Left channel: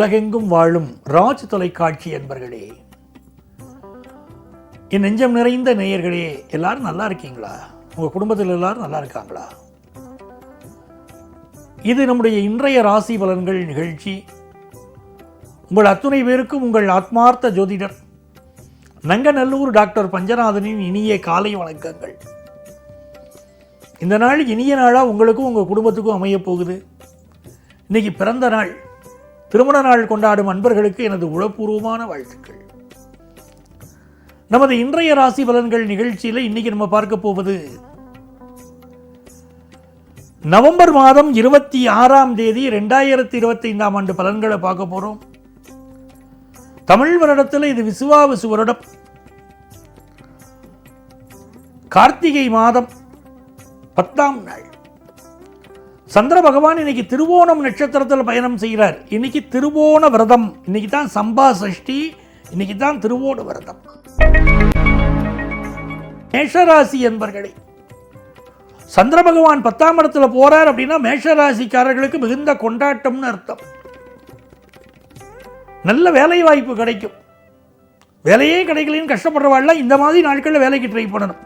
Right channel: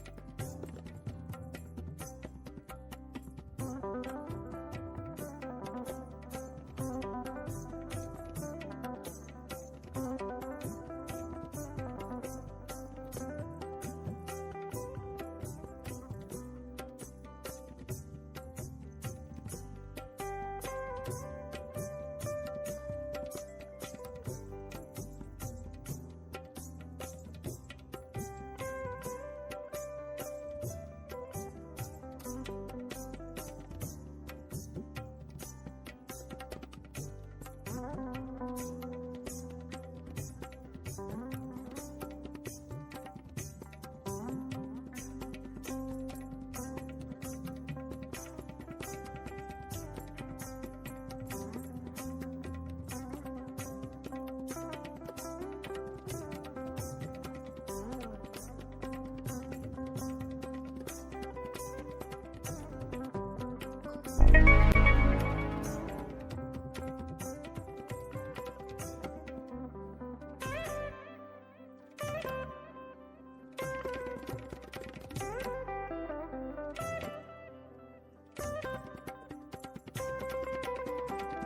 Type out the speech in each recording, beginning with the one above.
உலகெங்கும் வாழும் ராஜ் தொலைக்காட்சி என்பர்களே என் நெஞ்சம் நிறைந்த நேயர்களே எல்லாரும் நல்லா இருக்கீங்களா? உங்க குடும்பத்தில் எல்லாரும் நல்லா இருக்காங்களா? இது நம்முடைய இன்றைய ராசி பலன்கள் நிகழ்ச்சி. உங்கள் அத்துணை பேருக்கும் உங்கள் ஆத்மார்த்த ஜோதிடர் நங்கநல்லூர் டாக்டர் பஞ்சநாதனின் இனிய காலை வணக்கங்கள். இந்த நாள் இனிய நாளா உங்களுக்கும் உங்க குடும்பத்துக்கும் அமையப் போகுது. இன்னைக்கு பிறந்த நாள். திருமண நாள் கொண்டாடும் அன்பர்களுக்கு எனது உளப்பூர்வமான வாழ்த்துக்கள். நமது இன்றைய ராசி பலன்கள் நிகழ்ச்சியில் இன்னைக்கு நம்ம பார்க்க போவது நவம்பர் மாதம் இருபத்தி ஆறாம் தேதி ரெண்டாயிரத்தி இருபத்தி ஐந்தாம் ஆண்டு பலன்களை பார்க்க போறோம். தமிழ் வருடத்தில் இது விசுவாவிசு வருடம். கார்த்திகை மாதம் பத்தாம் நாள். சந்திர பகவான் இன்னைக்கு திருவோணம் நட்சத்திரத்தில் பயணம் செய்கிறார் இன்னைக்கு திருவோண விரதம். இன்னைக்கு தான் சம்பா சஷ்டி இன்னைக்கு தான் திருவோண விரதம். மேஷராசி என்பர்களே சந்திர பகவான் பத்தாம் இடத்துல போறார் அப்படின்னா மேஷராசிக்காரர்களுக்கு மிகுந்த கொண்டாட்டம்னு அர்த்தம். நல்ல வேலை வாய்ப்பு கிடைக்கும். வேலையே கிடைக்கலன்னு கஷ்டப்படுறவாள்லாம் இந்த மாதிரி நாட்களில் வேலைக்கு ட்ரை பண்ணணும்.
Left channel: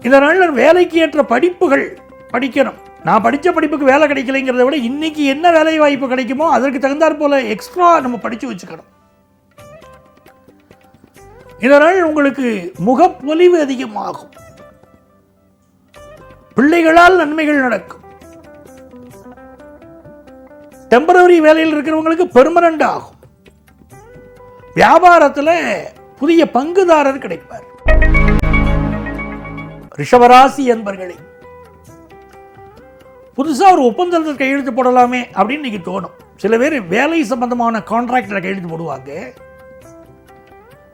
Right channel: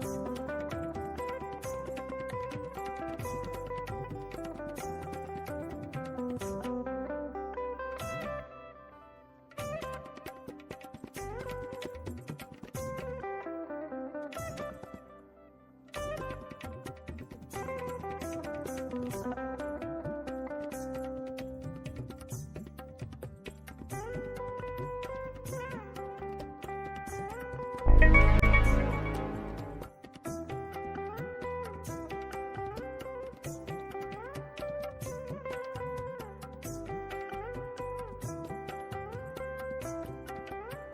இதனால் வேலைக்கு ஏற்ற படிப்புகள் படிக்கணும். நான் படித்த படிப்புக்கு வேலை கிடைக்கலைங்கிறத விட இன்னைக்கு என்ன வேலை வாய்ப்பு கிடைக்குமோ அதற்கு தகுந்தாற் போல எக்ஸ்ட்ரா நம்ம படித்து வச்சுக்கணும். இதனால் உங்களுக்கு முகப்பொலிவு அதிகமாகும். பிள்ளைகளால் நன்மைகள் நடக்கும். டெம்பரவரி வேலையில் இருக்கிறவங்களுக்கு பெர்மனண்ட் ஆகும். வியாபாரத்தில் புதிய பங்குதாரர் கிடைப்பார். ரிஷபராசி என்பர்களே புதுசா ஒரு ஒப்பந்தத்தில் கையெழுத்து போடலாமே அப்படின்னு இன்னைக்கு தோணும். சில பேர் வேலை சம்பந்தமான கான்ட்ராக்டில் கையெழுத்து போடுவாங்க.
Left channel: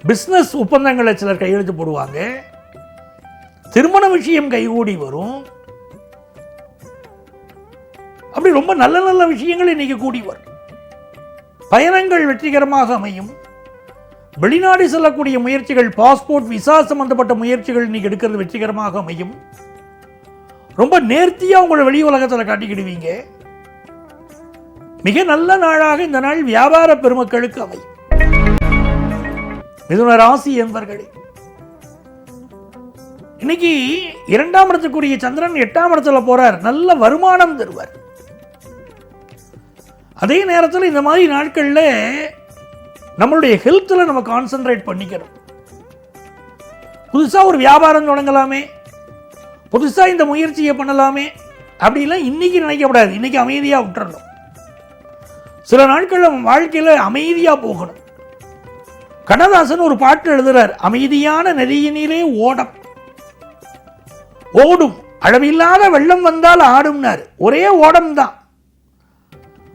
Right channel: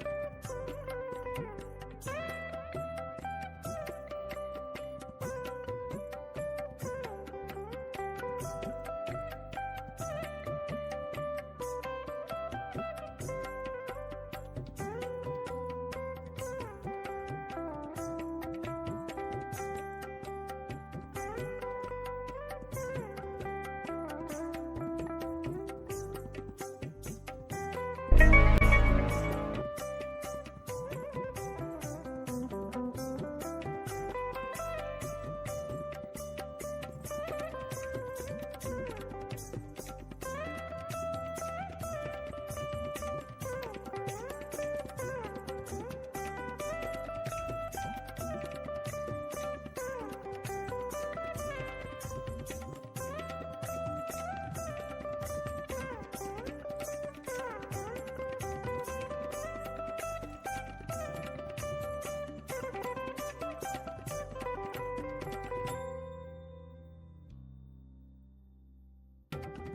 பிஸ்னஸ் ஒப்பந்தங்களை சிலர் கையெழுத்து போடுவாங்க. திருமண விஷயம் கைகூடி வரும். அப்படி ரொம்ப நல்ல நல்ல விஷயங்கள் இன்னைக்கு கூடி வரும். பயணங்கள் வெற்றிகரமாக அமையும். வெளிநாடு செல்லக்கூடிய முயற்சிகள் பாஸ்போர்ட் விசா சம்பந்தப்பட்ட முயற்சிகள் இன்னைக்கு எடுக்கிறது வெற்றிகரமாக அமையும். ரொம்ப நேர்த்தியா உங்களை வெளி உலகத்தில் காட்டிக்கிடுவீங்க. மிக நல்ல நாளாக இந்த நாள் வியாபார பெருமக்களுக்கு அமையும். மிதுன ராசி என்பர்களே இன்னைக்கு இரண்டாம் இடத்துக்குரிய சந்திரன் எட்டாம் இடத்துல போறார். நல்ல வருமானம் தருவார். அதே நேரத்தில் இந்த மாதிரி நாட்கள்ல நம்மளுடைய ஹெல்த்தில் நம்ம கான்சென்ட்ரேட் பண்ணிக்கணும் புதுசாக ஒரு வியாபாரம் தொடங்கலாமே. புதுசாக இந்த முயற்சியை பண்ணலாமே. அப்படிலாம் இன்னைக்கு நினைக்கக்கூடாது இன்னைக்கு அமைதியாக விட்டுறணும். சில நாட்கள் நம்ம வாழ்க்கையில் அமைதியாக போகணும். கண்ணதாசன் ஒரு பாட்டு எழுதுறார். அமைதியான நதியினிலே ஓடம். ஓடும். அளவில்லாத வெள்ளம் வந்தால் ஆடும்னார். ஒரே ஓடம் தான்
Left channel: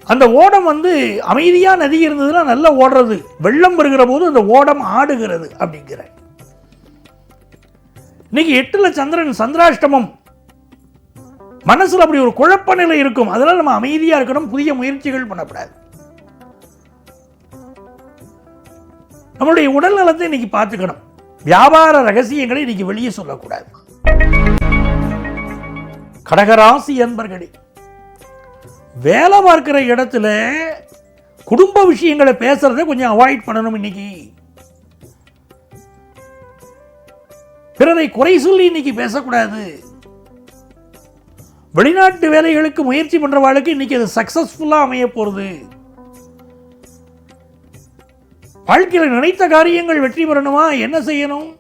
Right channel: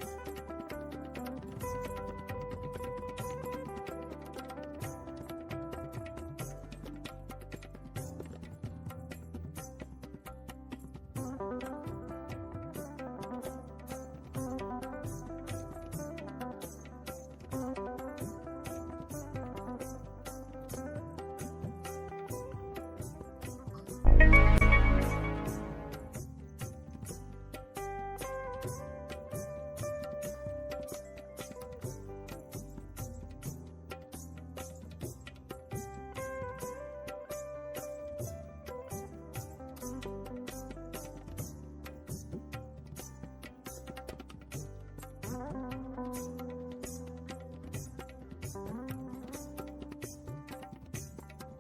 அந்த ஓடம் வந்து அமைதியா நதி இருந்ததுன்னா நல்லா ஓடுறது. வெள்ளம் வருகிற போது அந்த ஓடம் ஆடுகிறது அப்படிங்கிற. இன்னைக்கு எட்டுல சந்திரன் சந்திராஷ்டமம். மனசுல அப்படி ஒரு குழப்ப நிலை இருக்கும். அதனால நம்ம அமைதியா இருக்கணும். புதிய முயற்சிகள் பண்ணக்கூடாது. நம்மளுடைய உடல் நலத்தை இன்னைக்கு பார்த்துக்கணும். வியாபார ரகசியங்களை இன்னைக்கு வெளியே சொல்லக்கூடாது. கடகராசி என்பர்களே வேலை பார்க்கிற இடத்துல குடும்ப விஷயங்களை பேசுறதை கொஞ்சம் அவாய்ட் பண்ணணும் இன்னைக்கு. பிறரை குறை சொல்லி இன்னைக்கு பேசக்கூடாது. வெளிநாட்டு வேலைகளுக்கு முயற்சி பண்றவாளுக்கு இன்னைக்கு அது சக்சஸ்ஃபுல்லா அமைய போறது. வாழ்க்கையில் நினைத்த காரியங்கள் வெற்றி பெறணுமா? என்ன செய்யணும்?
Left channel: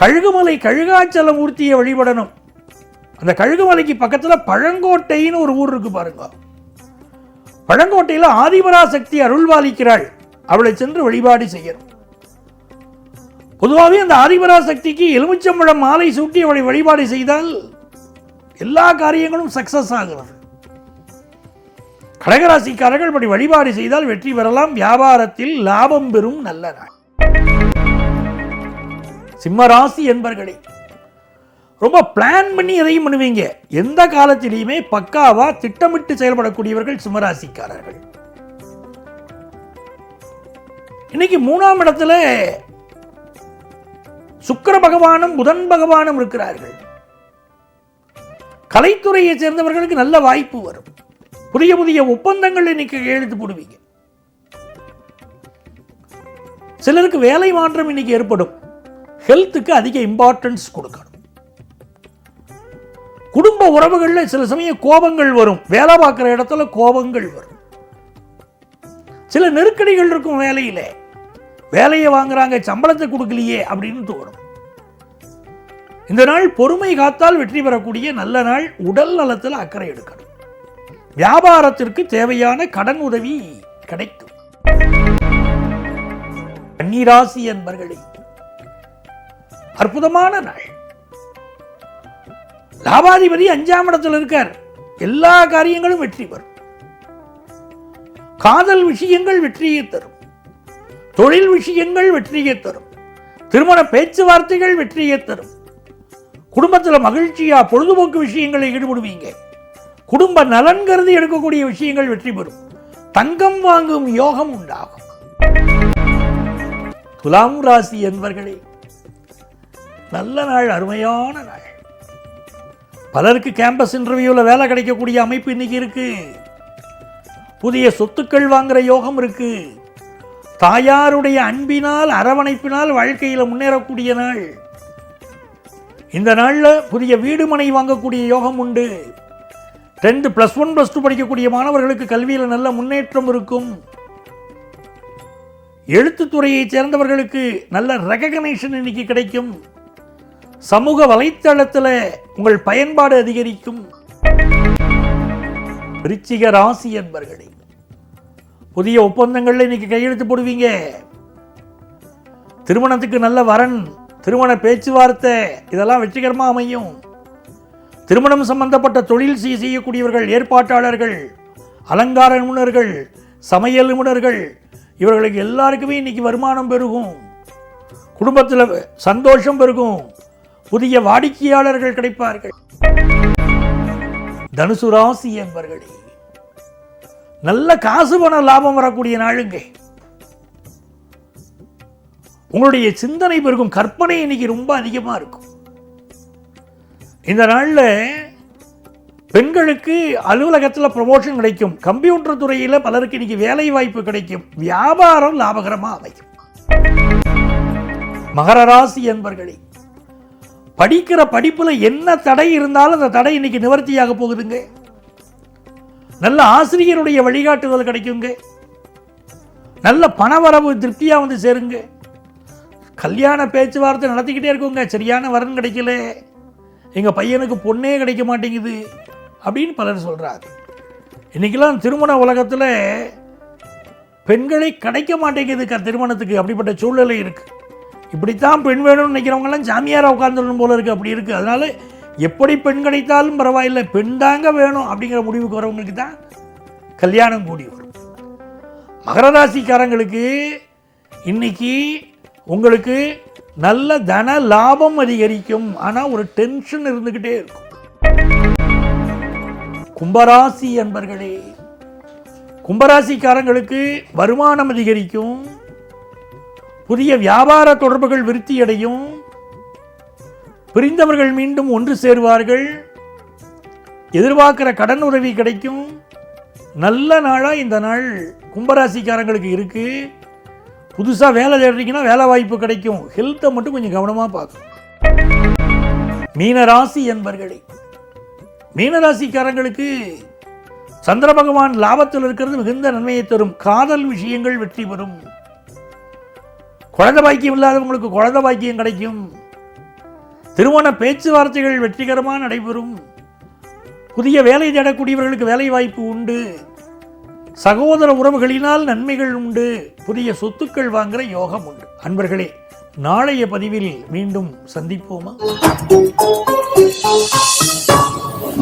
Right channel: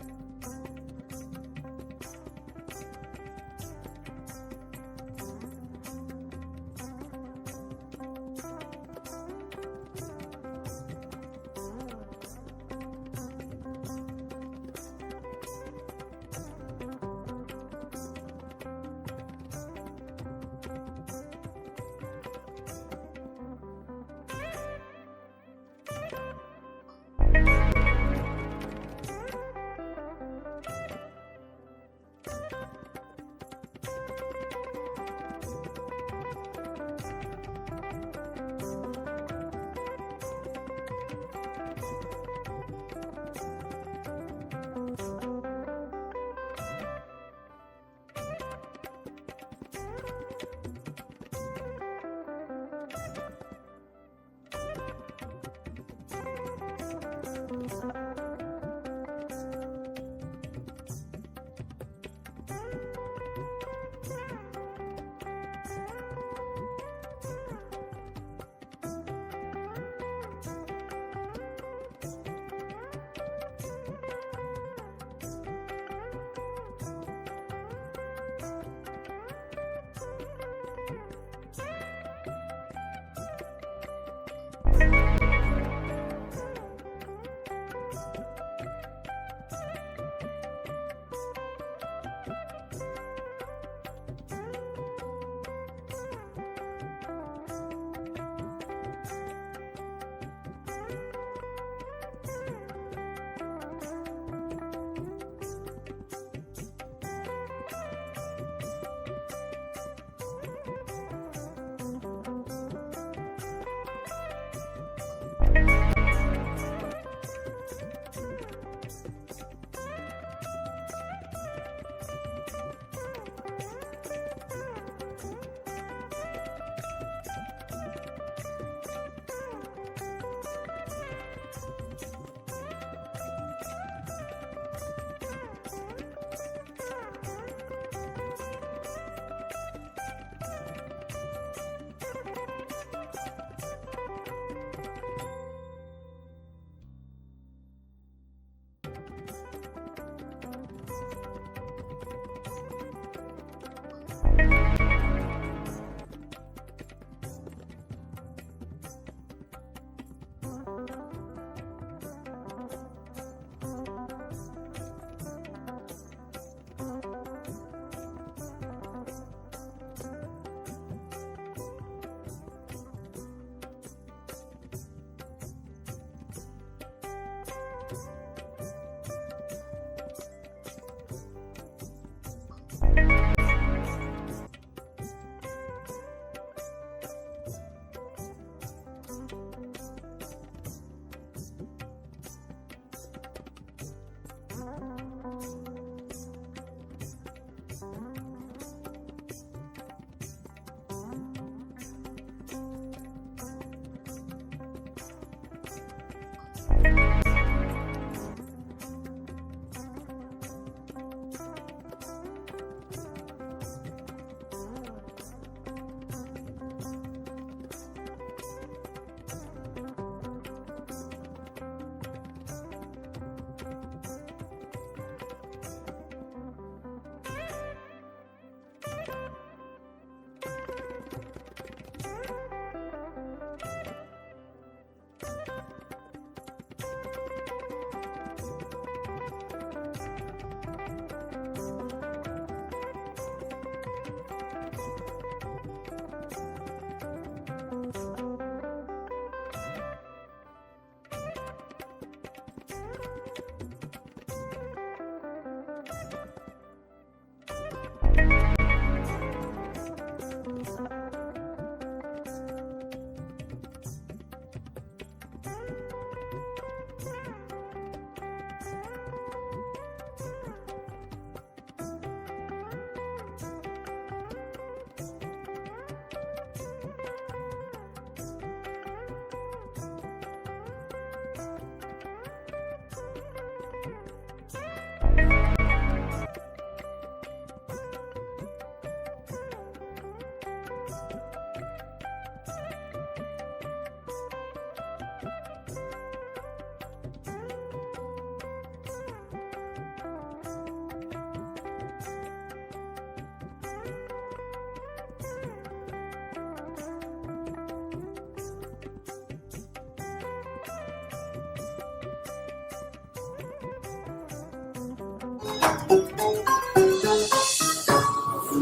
கழுகுமலை கழுகாச்சல மூர்த்தியை வழிபடணும். அந்த கழுகுமலைக்கு பக்கத்துல பழங்கோட்டைன்னு ஒரு ஊர் இருக்கு பாருங்க. பழங்கோட்டையில ஆதிபராசக்தி அருள்வாளிக்கிறாள் அவளை சென்று வழிபாடு செய்யணும். பொதுவாகவே அந்த ஆதிபராசக்திக்கு எலுமிச்சம்பழம் மாலை சூட்டி அவளை வழிபாடு செய்தால் எல்லா காரியங்களும் சக்சஸ் ஆகிறது கடகராசிக்காரர்கள் இப்படி வழிபாடு செய்தால் வெற்றி பெறலாம். வியாபாரத்தில் லாபம் பெறும் நல்ல நாள். சிம்மராசி என்பர்களே ரொம்ப பிளான் பண்ணி எதையும் பண்ணுவீங்க. எந்த காலத்திலையுமே பக்காவா திட்டமிட்டு செயல்படக்கூடியவர்கள் சிம்மராசிக்காரர்கள். இன்னைக்கு மூணாம் இடத்துல சுக்கர பகவானும் புதன் பகவானும் இருக்கிறார்கள். கலைத்துறையை சேர்ந்தவர்களுக்கு நல்ல வாய்ப்பு வரும். புதிய புதிய ஒப்பந்தங்கள் இன்னைக்கு எழுத்து போடுவீங்க. சிலருக்கு வேலை மாற்றம் இன்னைக்கு ஏற்படும். ஹெல்த்துக்கு அதிக இம்பார்ட்டன்ஸ் கொடுக்கணும். குடும்ப உறவுகளில் சில சமயம் கோபங்கள் வரும். வேலை பார்க்குற இடத்துல கோபங்கள் வரும். சில நெருக்கடிகள் இருக்கும் வேலையில. வேலையை வாங்குறாங்க சம்பளத்தை கொடுக்கலையே அப்படின்னு தோணும். இந்த நாள் பொறுமை காத்தால் வெற்றி பெறக்கூடிய நல்ல நாள். உடல் நலத்தில் அக்கறை எடுக்கணும். வியாபாரத்திற்கு தேவையான கடன் உதவி கிடைக்கும். கன்னிராசி என்பர்களே அற்புதமான நாள். லாபாதிபதி அஞ்சாம் இடத்துல இருக்கார். எல்லா காரியங்களும் வெற்றி பெறும். காதல் விஷயங்கள் வெற்றியை தரும். தொழில் விஷயங்கள் வெற்றியை தரும். திருமண பேச்சுவார்த்தைகள் வெற்றியை தரும். குடும்பத்துல மகிழ்ச்சியா பொழுதுபோக்கு விஷயங்களை ஈடுபடுவீங்க. குடும்ப நலன் கருதி எடுக்கக்கூடிய விஷயங்கள் வெற்றி பெறும். தங்கம் வாங்கும் யோகம் உண்டாகும். துலாம் ராசி என்பர்களே நல்ல நாள் அருமையான நாள். பலருக்கு கேம்பஸ் இன்டர்வியூவில் வேலை கிடைக்கக்கூடிய அமைப்பு இன்னைக்கு இருக்கு. புதிய சொத்துக்கள் வாங்குற யோகம் இருக்கு. தாயாருடைய அன்பினால் அரவணைப்பினால் வாழ்க்கையில் முன்னேறக்கூடிய நாள். இந்த நாள்ல புதிய வீடு மனை வாங்கக்கூடிய யோகம் உண்டு. Tenth plus one plus two படிக்கக்கூடிய மாணவர்களுக்கு கல்வியில் நல்ல முன்னேற்றம் இருக்கும். எழுத்துத்துறையைச் சேர்ந்தவர்களுக்கு நல்ல ரெகக்னேஷன் இன்னைக்கு கிடைக்கும். சமூக வலைத்தளத்தில் உங்கள் பயன்பாடு அதிகரிக்கும். ரிச்சிக ராசி என்பர்களே புதிய ஒப்பந்தங்கள்ல இன்னைக்கு கையெழுத்து போடுவீங்க. திருமணத்துக்கு நல்ல வரன் திருமண பேச்சுவார்த்தை இதெல்லாம் வெற்றிகரமாக அமையும். திருமணம் சம்பந்தப்பட்ட தொழில் செய்யக்கூடியவர்கள் ஏற்பாட்டாளர்கள் அலங்கார நிபுணர்கள் சமையல் நிபுணர்கள் இவர்களுக்கு எல்லாருக்குமே இன்னைக்கு வருமானம் பெருகும். குடும்பத்தில் சந்தோஷம் பெருகும். புதிய வாடிக்கையாளர்கள் கிடைப்பார்கள். தனுசு ராசி என்பர்களே நல்ல காசு பண லாபம் வரக்கூடிய நாளுங்க. உங்களுடைய சிந்தனை பெருகும் கற்பனை இன்னைக்கு ரொம்ப அதிகமா இருக்கும். இந்த நாள்ல பெண்களுக்கு அலுவலகத்தில் ப்ரமோஷன் கிடைக்கும். கம்ப்யூட்டர் துறையில பலருக்கு இன்னைக்கு வேலை வாய்ப்பு கிடைக்கும். வியாபாரம் லாபகரமா அமையும். மகர ராசி என்பர்களே படிக்கிற படிப்பில் என்ன தடை இருந்தாலும் அந்த தடை இன்னைக்கு நிவர்த்தியாக போகுதுங்க. நல்ல ஆசிரியருடைய வழிகாட்டுதல் கிடைக்குங்க. நல்ல பணவரவு திருப்தியாக வந்து சேருங்க. கல்யாண பேச்சுவார்த்தை நடத்திக்கிட்டே இருக்குங்க. சரியான வரன் கிடைக்கல. எங்கள் பையனுக்கு பொண்ணே கிடைக்க மாட்டேங்குது அப்படின்னு பலர் சொல்கிறார் இன்றைக்கெல்லாம் திருமண உலகத்தில் பெண்களை கிடைக்க மாட்டேங்குது க- திருமணத்துக்கு. அப்படிப்பட்ட சூழ்நிலை இருக்குது இப்படித்தான் பெண் வேணும்னு நினைக்கிறவங்கலாம் சாமியாராக உட்கார்ந்துடணும் போல இருக்குது அப்படி இருக்கு. அதனால எப்படி பெண் கிடைத்தாலும் பரவாயில்லை பெண் தாங்க வேணும் அப்படிங்கிற முடிவுக்கு வரவங்களுக்கு தான் கல்யாணம் கூடி வரும். மகர ராசிக்காரங்களுக்கு இன்னைக்கு உங்களுக்கு நல்ல தன லாபம் அதிகரிக்கும். ஆனா ஒரு டென்ஷன் இருந்துகிட்டே இருக்கும். கும்பராசி என்பர்களே கும்பராசிக்காரங்களுக்கு வருமானம் அதிகரிக்கும். புதிய வியாபார தொடர்புகள் விருத்தியடையும். பிரிந்தவர்கள் மீண்டும் ஒன்று சேருவார்கள். எதிர்பார்க்கிற கடன் உதவி கிடைக்கும். நல்ல நாளா இந்த நாள் கும்பராசிக்காரங்களுக்கு இருக்கு. புதுசா வேலை தேடுறீங்கன்னா வேலை வாய்ப்பு கிடைக்கும். ஹெல்த்தை மட்டும் கொஞ்சம் கவனமா பார்க்கும் மீனராசி என்பர்களே மீனராசிக்காரங்களுக்கு சந்திர பகவான் லாபத்தில் இருக்கிறது மிகுந்த நன்மையை தரும். காதல் விஷயங்கள் வெற்றி பெறும். குழந்தை பாக்கியம் இல்லாதவங்களுக்கு குழந்த பாக்கியம் கிடைக்கும். திருமண பேச்சுவார்த்தைகள் வெற்றிகரமாக நடைபெறும். புதிய வேலை தேடக்கூடியவர்களுக்கு வேலை வாய்ப்பு உண்டு. சகோதர உறவுகளினால் நன்மைகள் உண்டு. புதிய சொத்துக்கள் வாங்குற யோகம் உண்டு. அன்பர்களே நாளைய பதிவில் மீண்டும் சந்திப்போமா?